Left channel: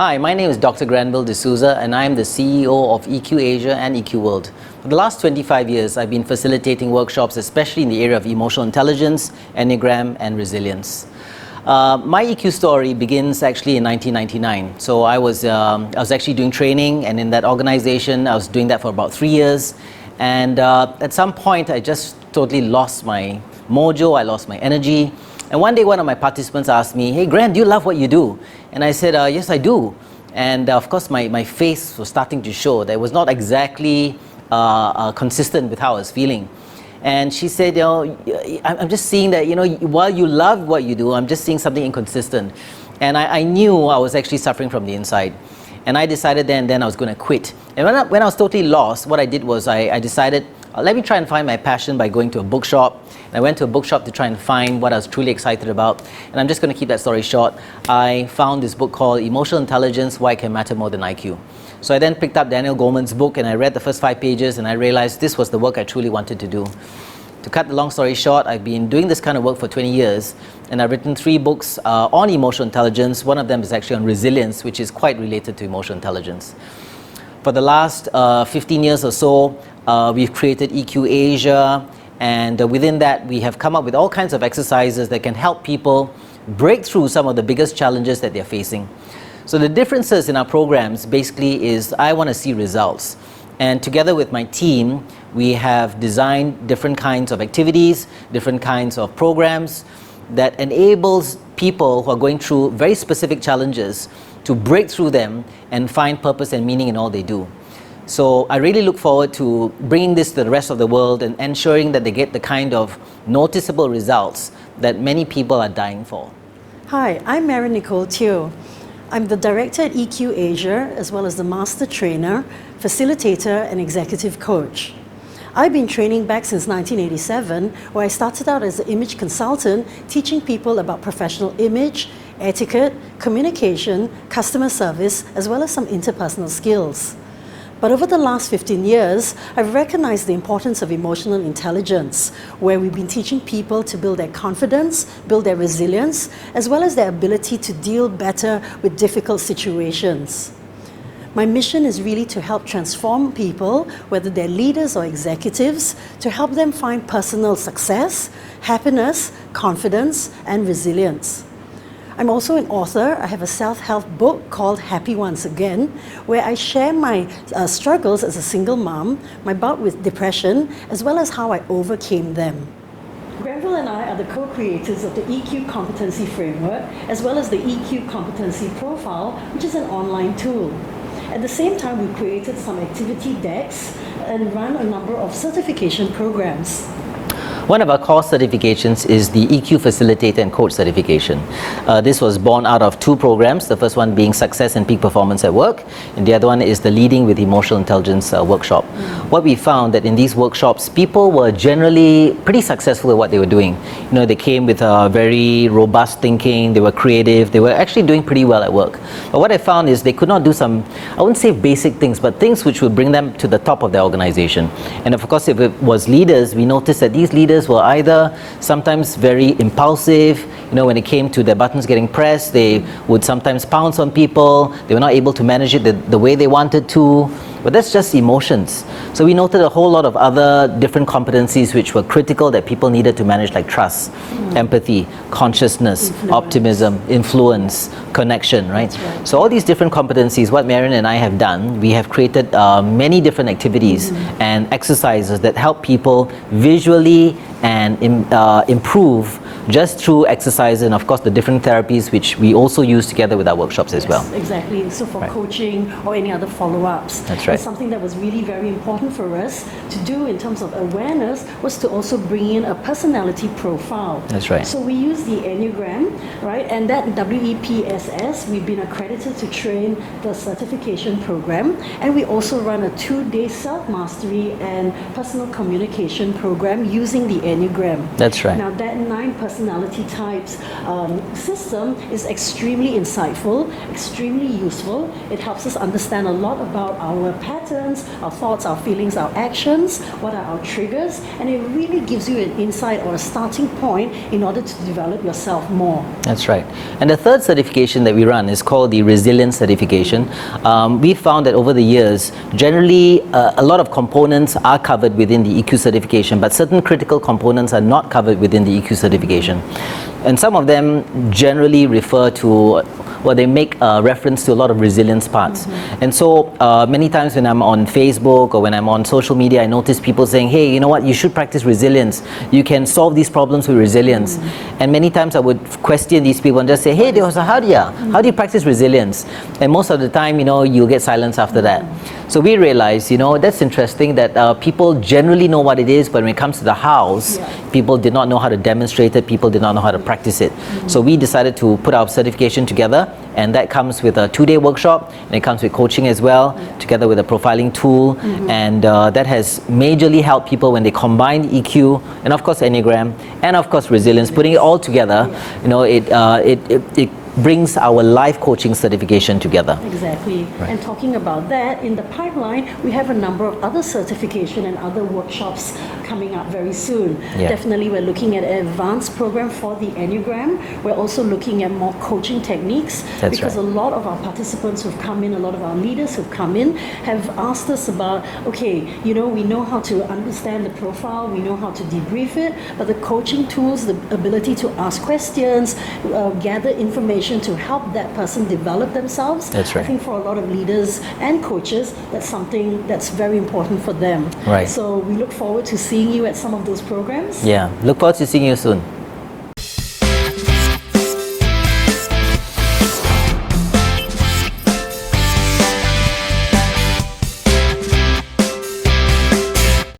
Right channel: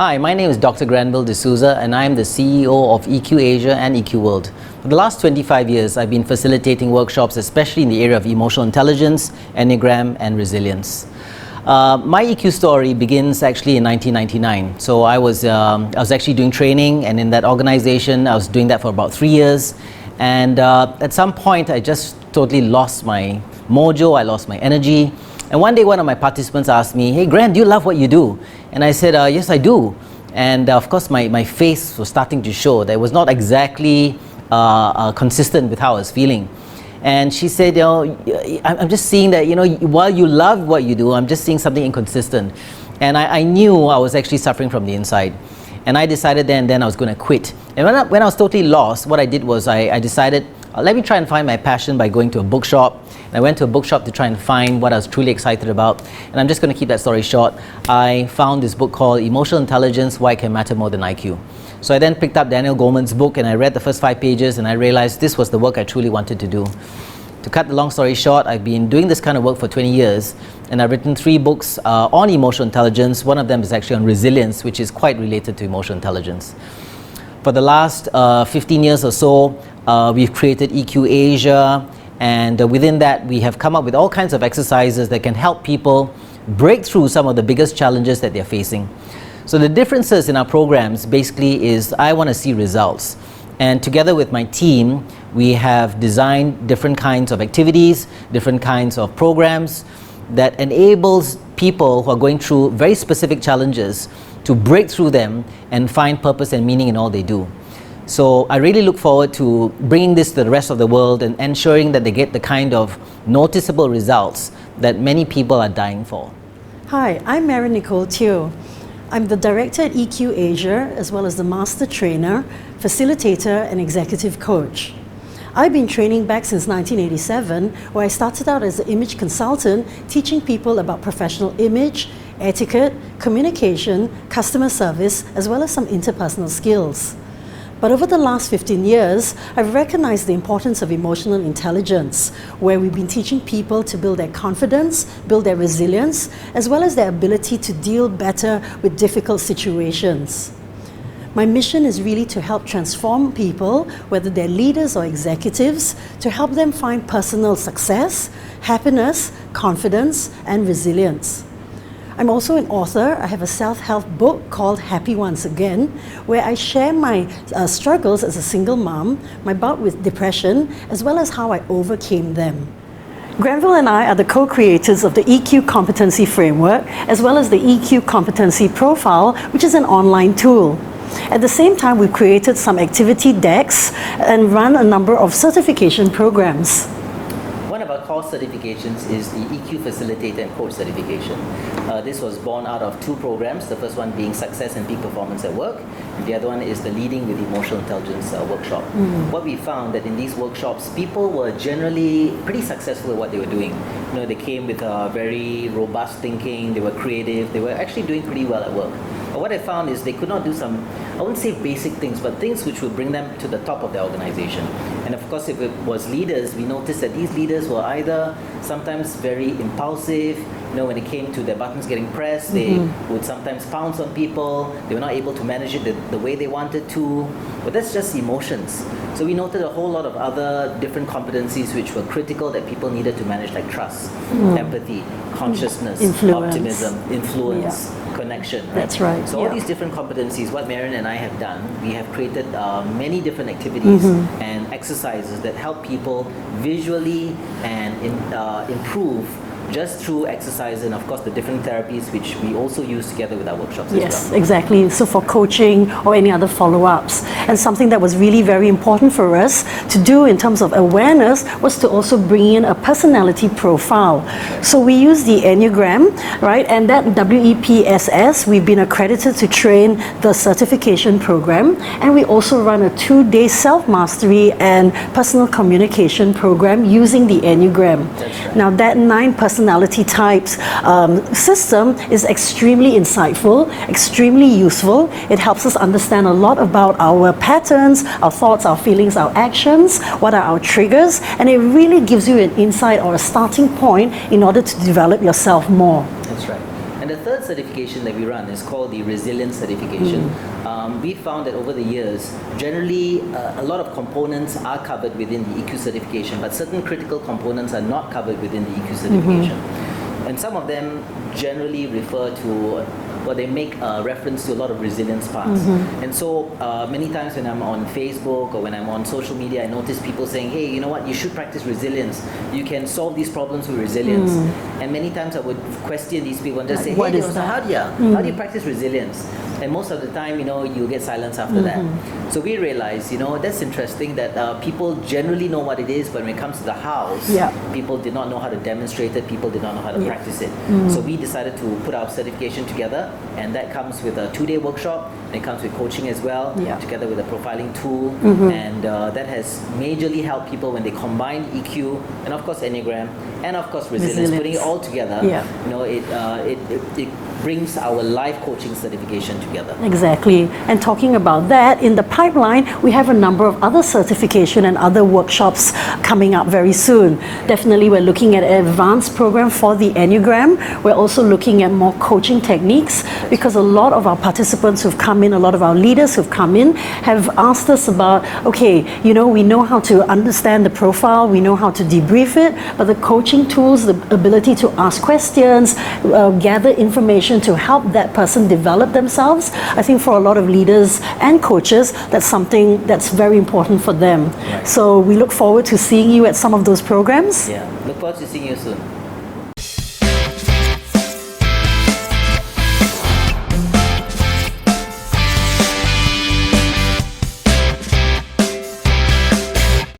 Hi, my name is Dr. Granville D'Souza and I am the CEO of EQ Asia and EQ World. For the last 25 years, I've been facilitating workshops, especially in the area of emotional intelligence, Enneagram and resilience. My EQ story begins actually in 1999. So I was actually doing training, and in that organization, I was doing that for about 3 years. And at some point, I just totally lost my mojo, I lost my energy. And one day, one of my participants asked me, "Hey, Grant, do you love what you do?" And I said, "Yes, I do." And of course, my face was starting to show that it was not exactly consistent with how I was feeling. And she said, I'm just seeing that, while you love what you do, I'm just seeing something inconsistent. And I knew I was actually suffering from the inside. And I decided then I was going to quit. And when I was totally lost, what I did was I decided, let me try and find my passion by going to a bookshop. And I went to a bookshop to try and find what I was truly excited about. And I'm just going to keep that story short. I found this book called Emotional Intelligence, Why It Can Matter More Than IQ. So I then picked up Daniel Goleman's book and I read the first 5 pages and I realized this was the work I truly wanted to do. To cut the long story short, I've been doing this kind of work for 20 years and I've written 3 books on emotional intelligence. One of them is actually on resilience, which is quite related to emotional intelligence. For the last 15 years or so, we've created EQ Asia, and within that we have come up with all kinds of exercises that can help people break through some of the biggest challenges that they're facing. So the differences in our programs basically is I want to see results. And together with my team, we have designed different kinds of activities, different kinds of programs that enables people who are going through very specific challenges to break through them and find purpose and meaning in all they do. So I really look forward to bringing this to the rest of the world and ensuring that they get the kind of noticeable results that many people are dying for. Hi, I'm Marion Nicole Teo. I'm the director at EQ Asia, as well as the master trainer, facilitator, and executive coach. I've been training back since 1987, where I started out as an image consultant, teaching people about professional image, etiquette, communication, customer service, as well as some interpersonal skills. But over the last 15 years, I've recognized the importance of emotional intelligence, where we've been teaching people to build their confidence, build their resilience, as well as their ability to deal better with difficult situations. My mission is really to help transform people, whether they're leaders or executives, to help them find personal success, happiness, confidence, and resilience. I'm also an author. I have a self-help book called Happy Once Again, where I share my struggles as a single mom, my bout with depression, as well as how I overcame them. Granville and I are the co-creators of the EQ Competency Framework, as well as the EQ Competency Profile, which is an online tool. At the same time, we've created some activity decks and run a number of certification programs. One of our core certifications is the EQ Facilitator and Coach certification. This was born out of 2 programs, the first one being Success and Peak Performance at Work, and the other one is the Leading with Emotional Intelligence workshop. What we found that in these workshops, people were generally pretty successful at what they were doing. They came with a very robust thinking, they were creative, they were actually doing pretty well at work. But what I found is they could not do some, I wouldn't say basic things, but things which would bring them to the top of their organization. And of course, if it was leaders, we noticed that these leaders were either sometimes very impulsive, when it came to their buttons getting pressed, they would sometimes pounce on people, they were not able to manage it the way they wanted to, but that's just emotions. So we noted a whole lot of other different competencies which were critical that people needed to manage, like trust, empathy, consciousness, optimism, influence, connection, right? That's right. So all these different competencies, what Marion and I have done, we have created many different activities and exercises that help people visually and improve just through exercise and of course the different therapies which we also use together with our workshops as well. Exactly. So for coaching or any other follow-ups. And something that was really very important for us to do in terms of awareness was to also bring in a personality profile. That's right. So we use the Enneagram, right? And that WEPSS, we've been accredited to train the certification program, and we also run a 2-day self-mastery and personal communication program using the Enneagram. That's right. Now that 9 personality personality types system is extremely insightful, extremely useful. It helps us understand a lot about our patterns, our thoughts, our feelings, our actions, what are our triggers, and it really gives you an insight or a starting point in order to develop yourself more. That's right. And the third certification that we run is called the Resilience Certification. We found that over the years, generally a lot of components are covered within the EQ certification, but certain critical components are not covered within the EQ certification. And some of them generally refer to, well, they make reference to a lot of resilience parts. And so many times when I'm on Facebook or when I'm on social media, I notice people saying, hey, you know what, you should practice resilience. You can solve these problems with resilience. And many times I would question these people and just say, hey, how do you practice resilience? And most of the time, you know, you'll get silence after that. So we realized, you know, that's interesting that people generally know what it is, but when it comes to the house, people did not know how to demonstrate it, people did not know how to practice it. So we decided to put our certification together, and that comes with a 2-day workshop, and it comes with coaching as well, together with a profiling tool, and that has majorly helped people when they combine EQ and of course Enneagram and of course resilience. Putting it all together, you know, it brings our life coaching certification together. Exactly. And talking about that, in the pipeline, we have a number of other certification and other workshops coming up very soon. Definitely, we're looking at an advanced program for the Enneagram. We're also looking at more coaching techniques because a lot of our participants who've come in, a lot of our leaders who've come in, have asked us about, okay, you know, we know how to understand the profile, we know how to debrief it, but the coaching tools, the ability to ask questions, gather information to help that person develop themselves. I think for a lot of leaders and coaches, that's something that's very important for them. So we look forward to seeing you at some of those programs. Yeah, look forward to seeing you soon.